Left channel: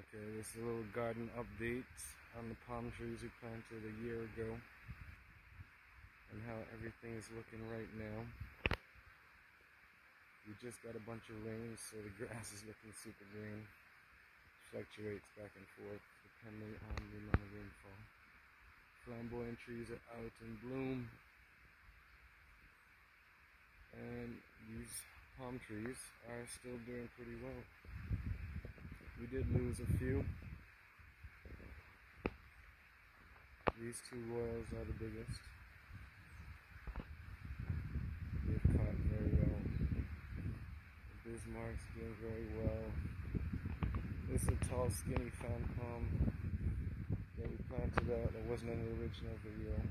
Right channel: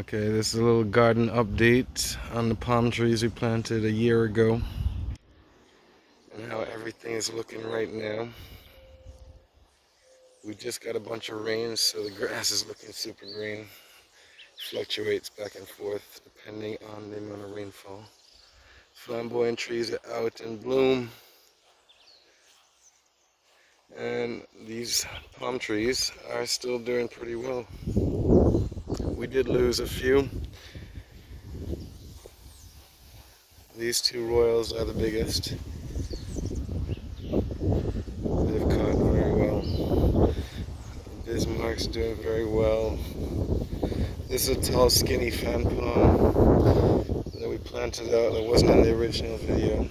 Okay, this is a little garden update on the palm trees we planted a year ago and how everything is looking right now. We just got a bunch of rain, so the grass is looking super green. Fluctuates back and forth depending on the amount of rainfall. Flamboyant trees are out in bloom, and these palm trees are still doing pretty well. We did lose a few. These two royals are the biggest. They've caught very well. Bismarck's doing very well. This is a tall, skinny fan palm that we planted out that wasn't in the original video.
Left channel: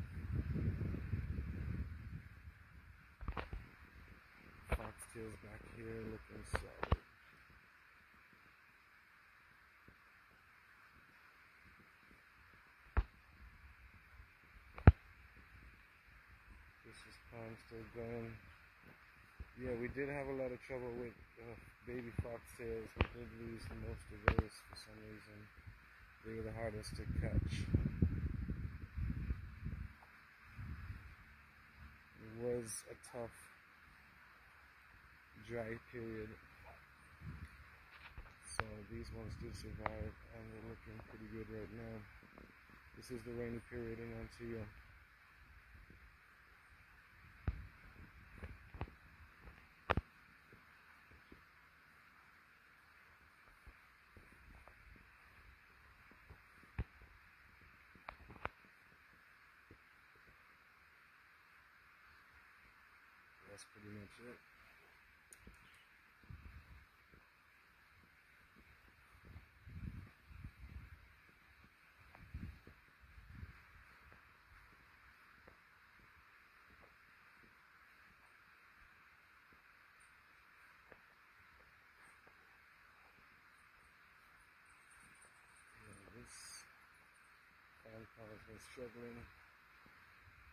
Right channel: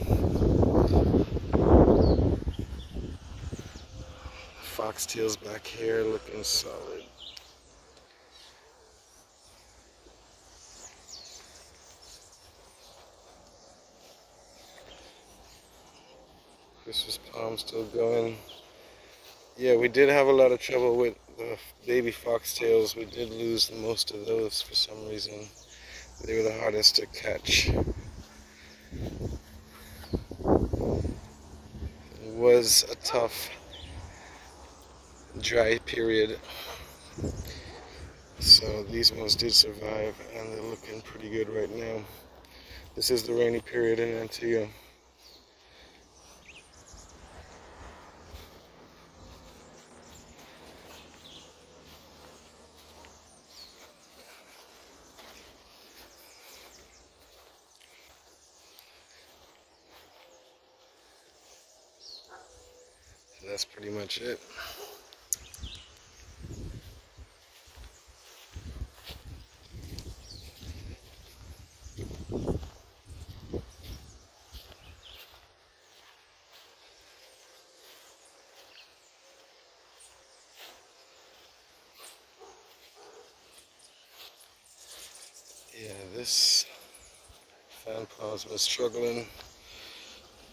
Foxtails back here looking solid. Christmas palm still going. Yeah, we did have a lot of trouble with the baby foxtails. We did lose most of those for some reason. They were the hardest to catch. It was a tough, dry period. So these ones did survive, and they're looking pretty good right now. This is the rainy period in Antigua. So that's pretty much it. Yeah, this fan palm's been struggling.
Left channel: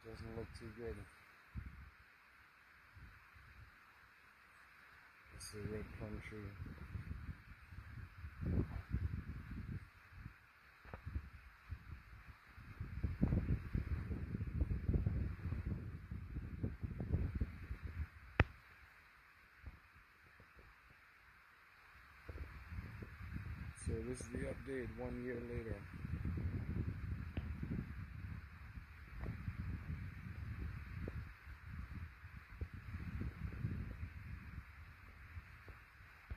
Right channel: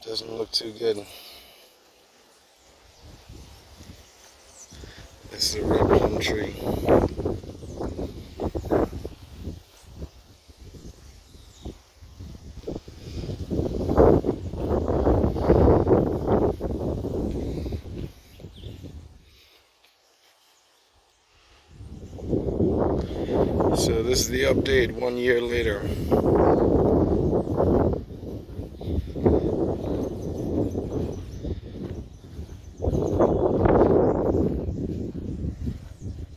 Doesn't look too good. This is a red plum tree. So this is the update 1 year later.